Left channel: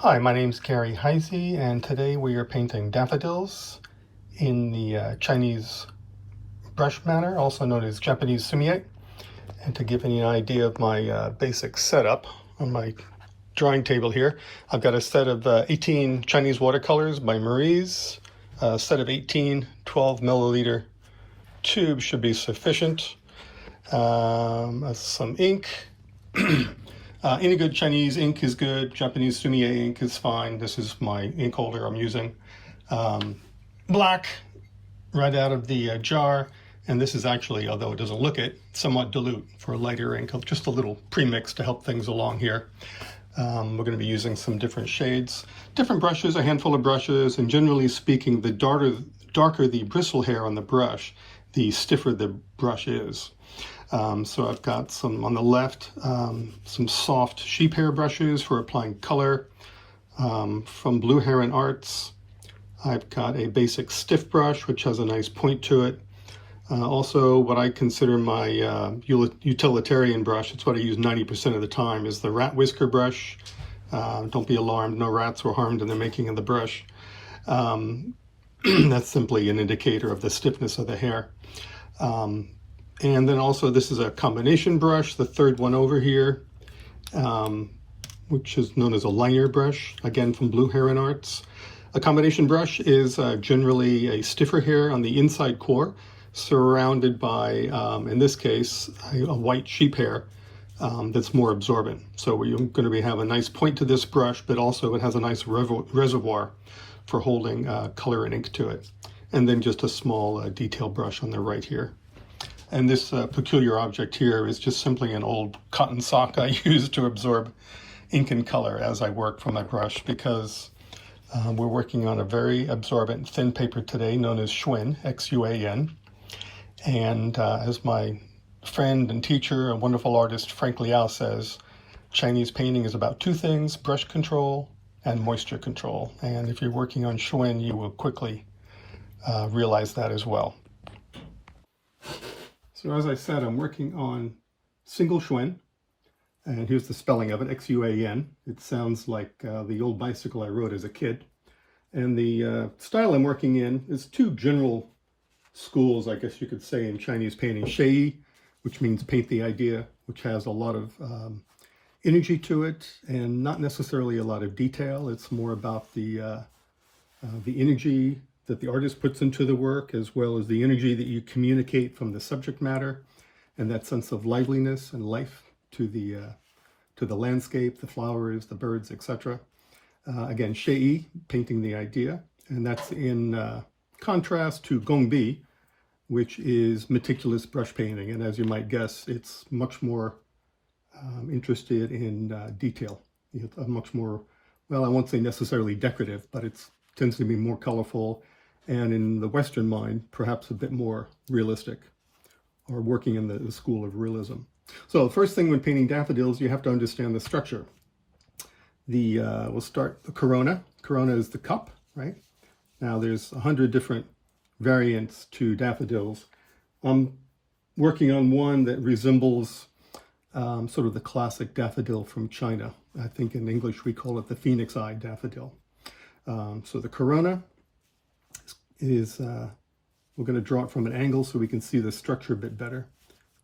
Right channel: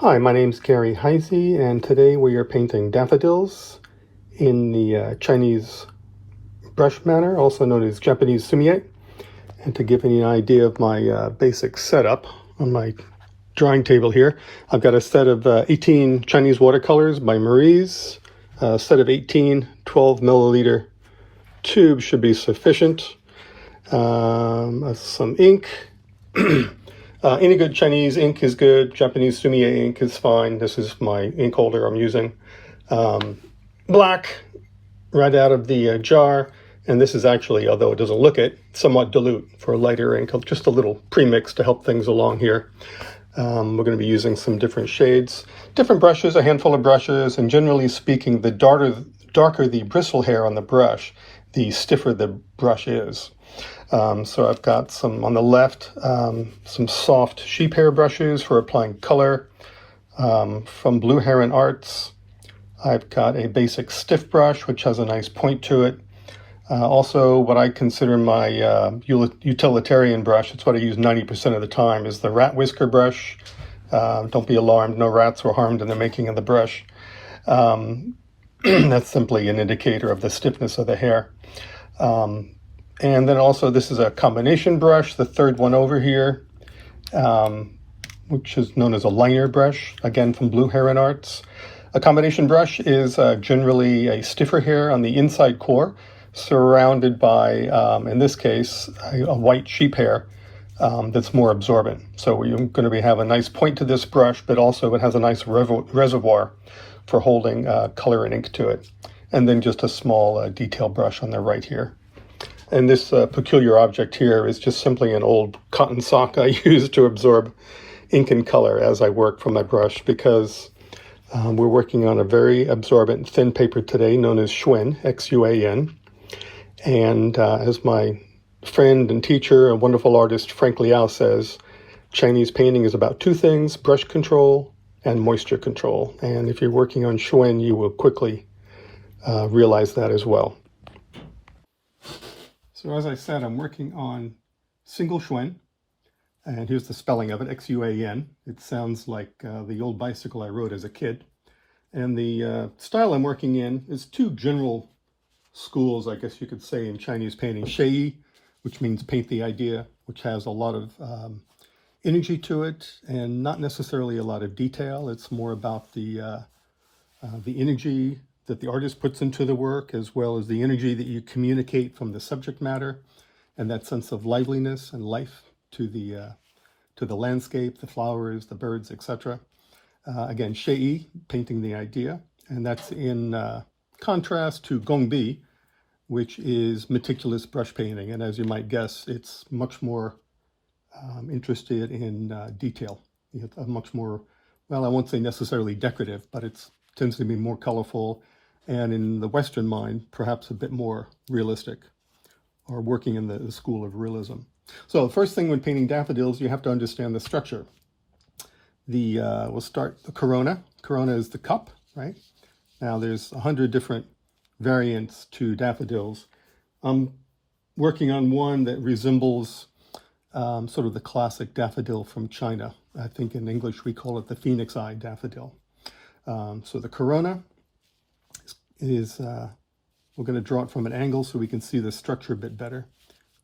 Hi, my name's Heise, and today we are painting daffodils in the Chinese brush manner, also known as Japanese sumie. And to give you an idea of my basic setup on my drawing table here, I've got a set of 18 Chinese watercolors by Marie's. A set of 18 12 milliliter tubes should be sufficient. Some ink. Any good Chinese ink is good. Japanese sumi-e ink is fine. This is my ink holder I'm using. Black, right out of the jar. And this is actually, although it doesn't look it, somewhat dilute for a lighter ink. Just a little premix to help things along here. We're going to be using some different shades, different brushes, a handful of brushes, and generally speaking, the darker the bristle hair on the brush, the stiffer the brush is. So I've got some on the left, some soft sheep hair brushes for applying color from Blue Heron Arts. I've got a basic stiff brush, which has a nice point to it. Also, what I consider my utilitarian brush, it's what I use 90% of the time, is the rat whisker brush. Don't be alarmed, no rats were harmed in the making of the brush. That's simply an indicator of the stiffness of the hair. And then also this is a combination brush, the third one over here, which is known as a liner brush, again from Blue Heron Arts. A combination brush is generally a stiffer hair on the inside core, surrounded by, in this case, a white sheep hair that's more absorbent. So we're going to have a nice point to this brush, but also it has a nice reservoir for holding color and ink to it. And then just a small detail brush on the right here. And this peculiar object here is just simply an old cotton sock I use to absorb ink and color as I work from my brush, because we're working on a very absorbent thin paper today known as Xuan, X-U-A-N. And as my friend and teacher, a wonderful artist, Frank Liao, says, Chinese painting is about two things: brush control and moisture control. And if you're working on Xuan, you will quickly realize that as well. So as I said, I'm working on single Xuan, and here's the spelling of it, X-U-A-N. It sounds like the old bicycle I rode as a kid. And the style I'm working in is two general schools, I guess you could say, in Chinese painting. Xieyi, which means paint the idea, which has a lot of energy to it and not necessarily a lot of detail. It's more about the energy that the artist puts into the work, as well as the energy that you communicate from the subject matter, and that sense of liveliness and life to the landscape, the flowers, the birds, etc. Again, xieyi, painting the idea, and that's in contrast to gongbi, which is meticulous brush painting. And as you might guess, it's much more interested in detail. It's a much more, well, I won't say necessarily decorative, but it tends to be more colorful, and in the Western mind, perhaps a bit more realistic, or working in the school of realism. So the first thing when painting daffodils, you have to understand the structure. We'll start the corona. Corona is the cup, right? Now there's 100 different variants to daffodils. I'm working on one that resembles sort of the classic daffodil from China. I think in English we call it the phoenix eye daffodil. So the corona is, we're going to draw it from an angle so we can see the structure a bit better,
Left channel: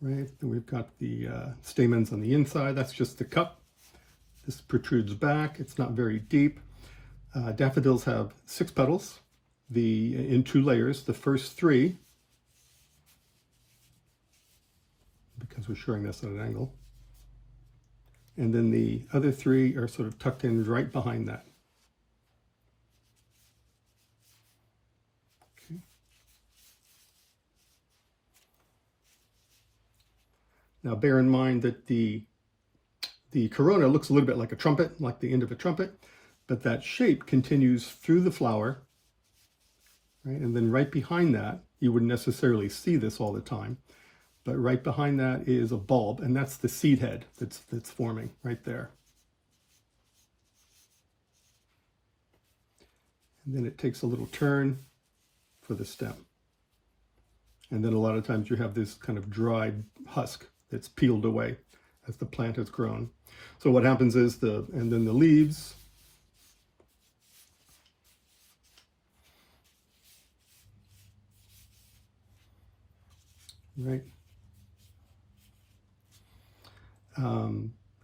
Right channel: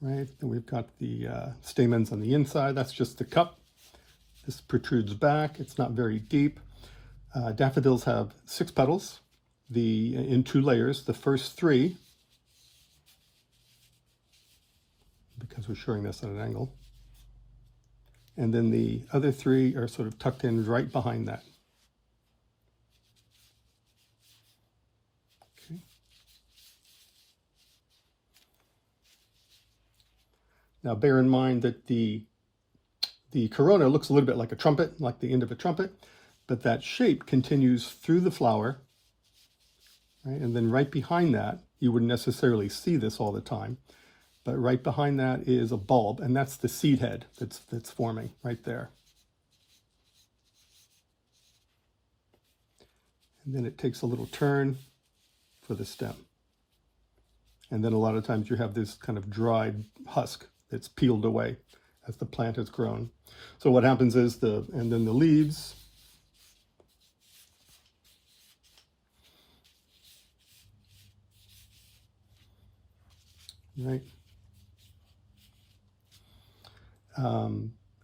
right? And we've got the stamens on the inside. That's just the cup. This protrudes back. It's not very deep. Daffodils have 6 petals, in 2 layers. The first 3, because we're showing this at an angle, and then the other 3 are sort of tucked in right behind that. Okay. Now bear in mind that the corona looks a little bit like a trumpet, like the end of a trumpet, but that shape continues through the flower, right? And then right behind that, you wouldn't necessarily see this all the time, but right behind that is a bulb, and that's the seed head that's forming right there. And then it takes a little turn for the stem. And then a lot of times you have this kind of dried husk that's peeled away as the plant has grown. So what happens is and then the leaves right?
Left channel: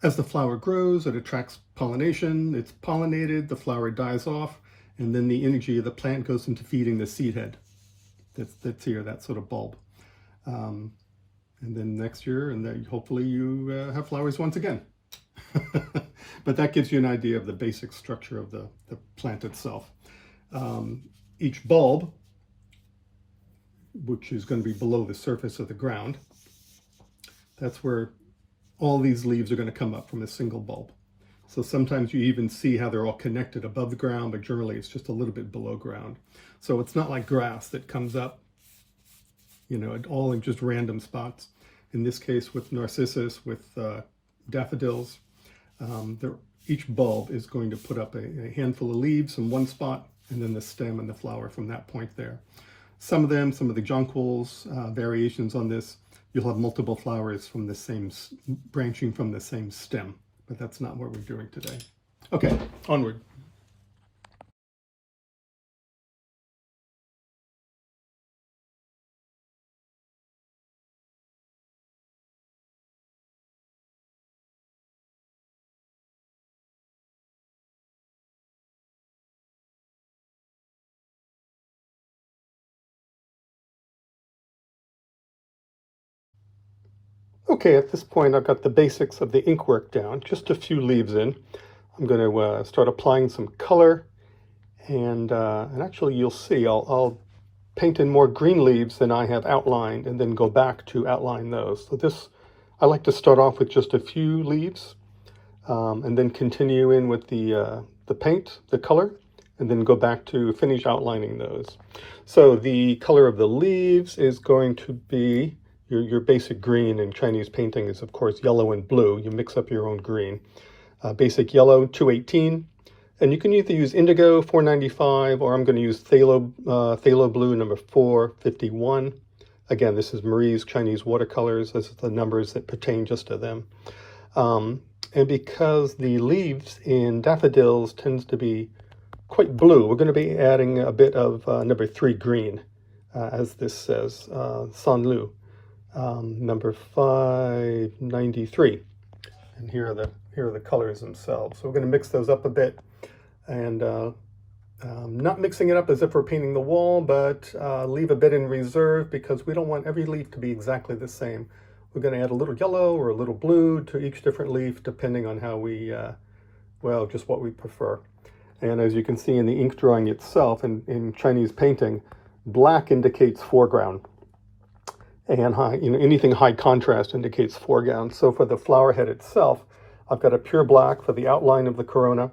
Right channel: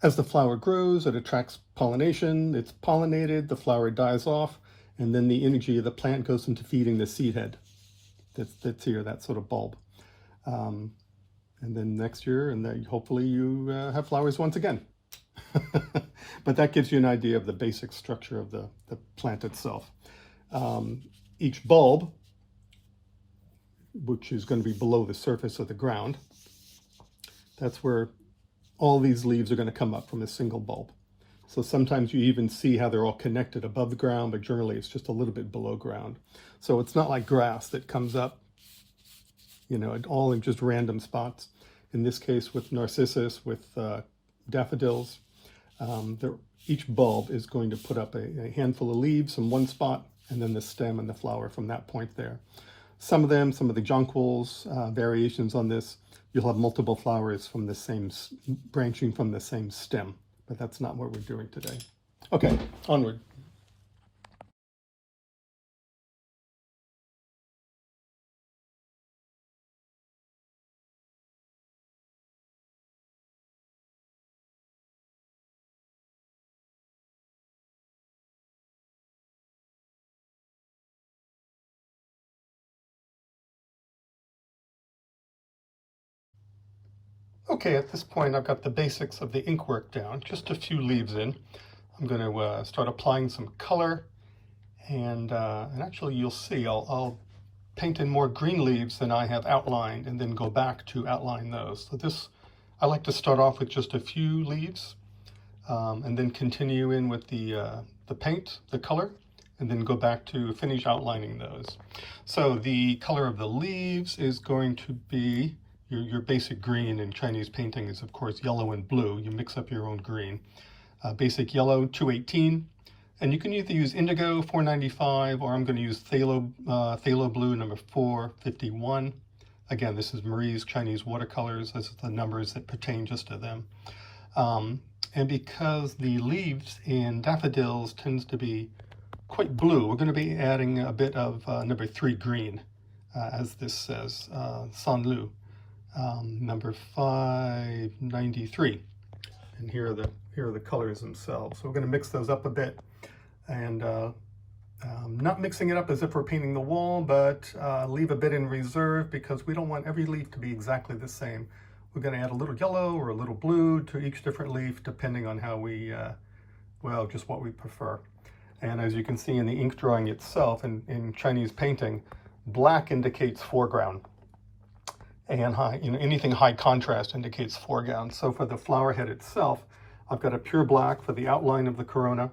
As the flower grows, it attracts pollination, it's pollinated, the flower dies off, and then the energy of the plant goes into feeding the seed head that's here, that sort of bulb. And then next year, and then hopefully you have flowers once again. But that gives you an idea of the basic structure of the plant itself. Each bulb, which is going to be below the surface of the ground, that's where all these leaves are going to come up from a single bulb. So sometimes you even see how they're all connected above the ground, but generally it's just a little bit below ground. So it's not like grass that comes up, you know, all in just random spots. In this case with narcissus, with daffodils, each bulb is going to put up a handful of leaves in one spot, and then the stem and the flower from that point there. Some of the jonquils, variations on this, you'll have multiple flowers from the same, branching from the same stem, but that's not what we're doing today. Okay, onward. Okay, at this point I've got the basics of the ink work down, just a few leaves in. I'm going to start applying some color, and actually you'll see I'll paint in more green leaves than I have outlined and then go back to outline those. So this, I like to start off with just a few leaves and then continue in with the paint, the color, and then go back to finish outlining those. So the color of the leaves is going to be your basic green. In Chinese painting is of course yellow and blue. You mix up your own green. Basic yellow 218, and you can either use indigo 495, or I'm going to use phthalo blue number 451. Again, this is Marie's Chinese watercolors. This is the numbers that pertain just to them. And because the leaves in daffodils tends to be quite blue, we're going to be adding a bit of number 3 green, as this says, Sanlu, number 593. And here are the colors themselves. So we're going to mix those up a bit, and not mixing it up as if we're painting the wall, but leave a bit in reserve because we don't want every leaf to be exactly the same. We're going to add a little yellow or a little blue to each different leaf depending on how we, well, just what we prefer. And as you can see in the ink drawing itself, in Chinese painting, black indicates foreground. And anything high contrast indicates foreground. So for the flower head itself, I've got a pure black for the outline of the corona,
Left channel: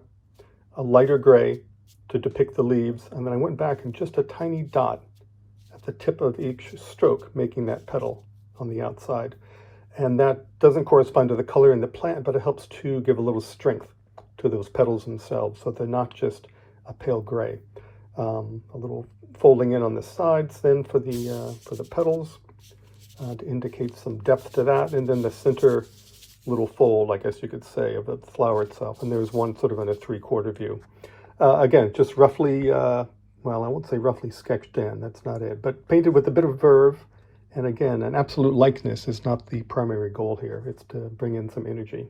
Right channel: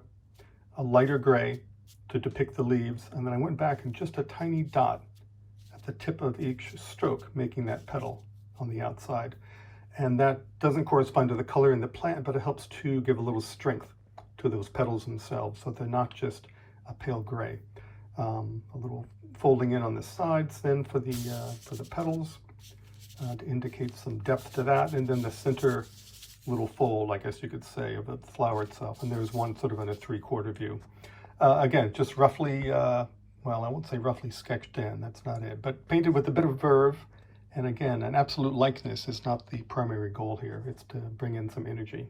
a lighter gray to depict the leaves, and then I went back and just a tiny dot at the tip of each stroke, making that petal on the outside. And that doesn't correspond to the color in the plant, but it helps to give a little strength to those petals themselves, so they're not just a pale gray. A little folding in on the sides then for the petals. To indicate some depth to that, and then the center little fold, I guess you could say, of the flower itself. And there's one sort of in a 3/4 view. Again, just roughly, well, I won't say roughly sketched in, that's not it, but painted with a bit of verve. And again, an absolute likeness is not the primary goal here. It's to bring in some energy.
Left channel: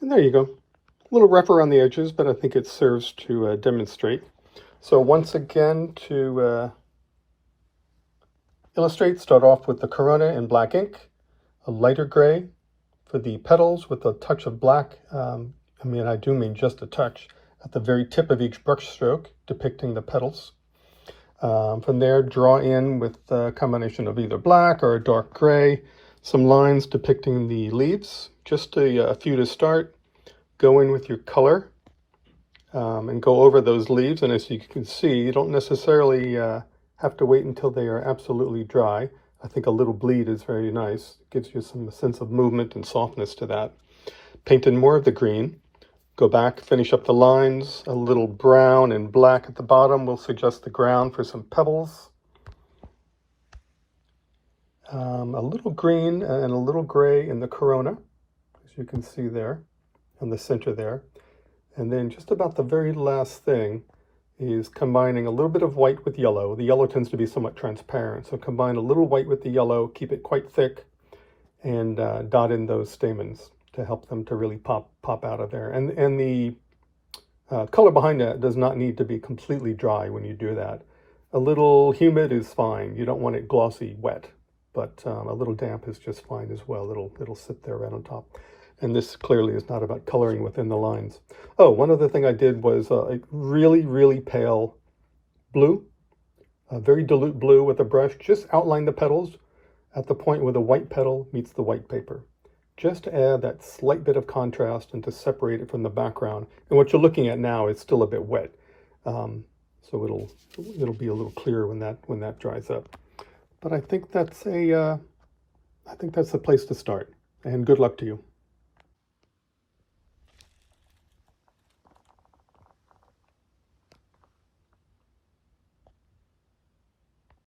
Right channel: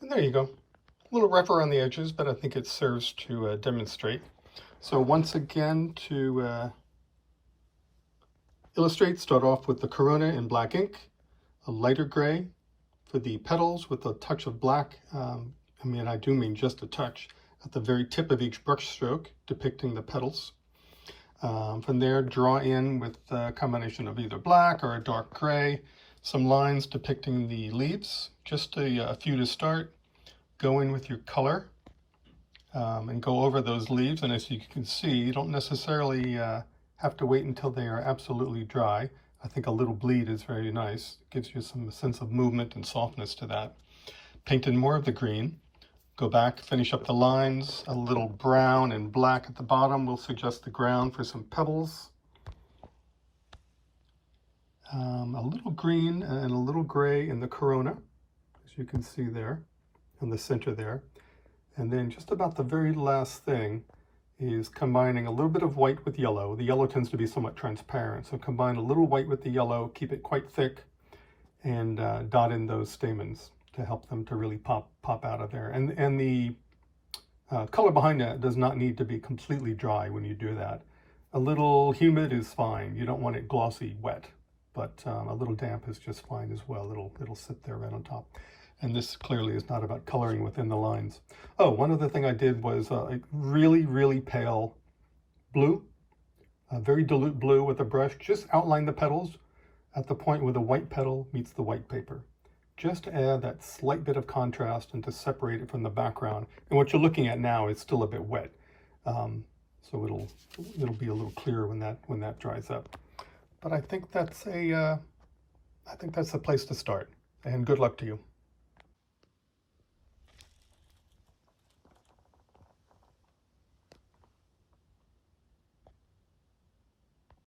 And there you go. A little rough around the edges, but I think it serves to demonstrate. So once again, to illustrate, start off with the corona in black ink, a lighter gray for the petals with a touch of black. I do mean just a touch at the very tip of each brush stroke, depicting the petals. From there, draw in with a combination of either black or a dark gray, some lines depicting the leaves, just a few to start. Go in with your color, and go over those leaves. And as you can see, you don't necessarily have to wait until they are absolutely dry. I think a little bleed is very nice. It gives you some sense of movement and softness to that. Paint in more of the green. Go back, finish up the lines. A little brown and black at the bottom will suggest the ground for some pebbles. A little green and a little gray in the corona, as you can see there, in the center there. And then just about the very last thing is combining a little bit of white with yellow. The yellow tends to be somewhat transparent, so combine a little white with the yellow, keep it quite thick, and dot in those stamens to help them to really pop out of there. And the color behind that does not need to be completely dry when you do that. A little humid is fine. You don't want it glossy wet, but a little damp is just fine as well. It'll sit there right on top. And this clearly is not about coloring within the lines. Oh, one other thing I did was a really, really pale blue, a very dilute blue with a brush. Just outline the petals at the point where the white petal meets the white paper, just to add that slight bit of contrast and to separate it from the background. And what you're looking at now is still a bit wet, so it'll be a little clearer when that dries up. But I think that's the place to start. And good luck to you.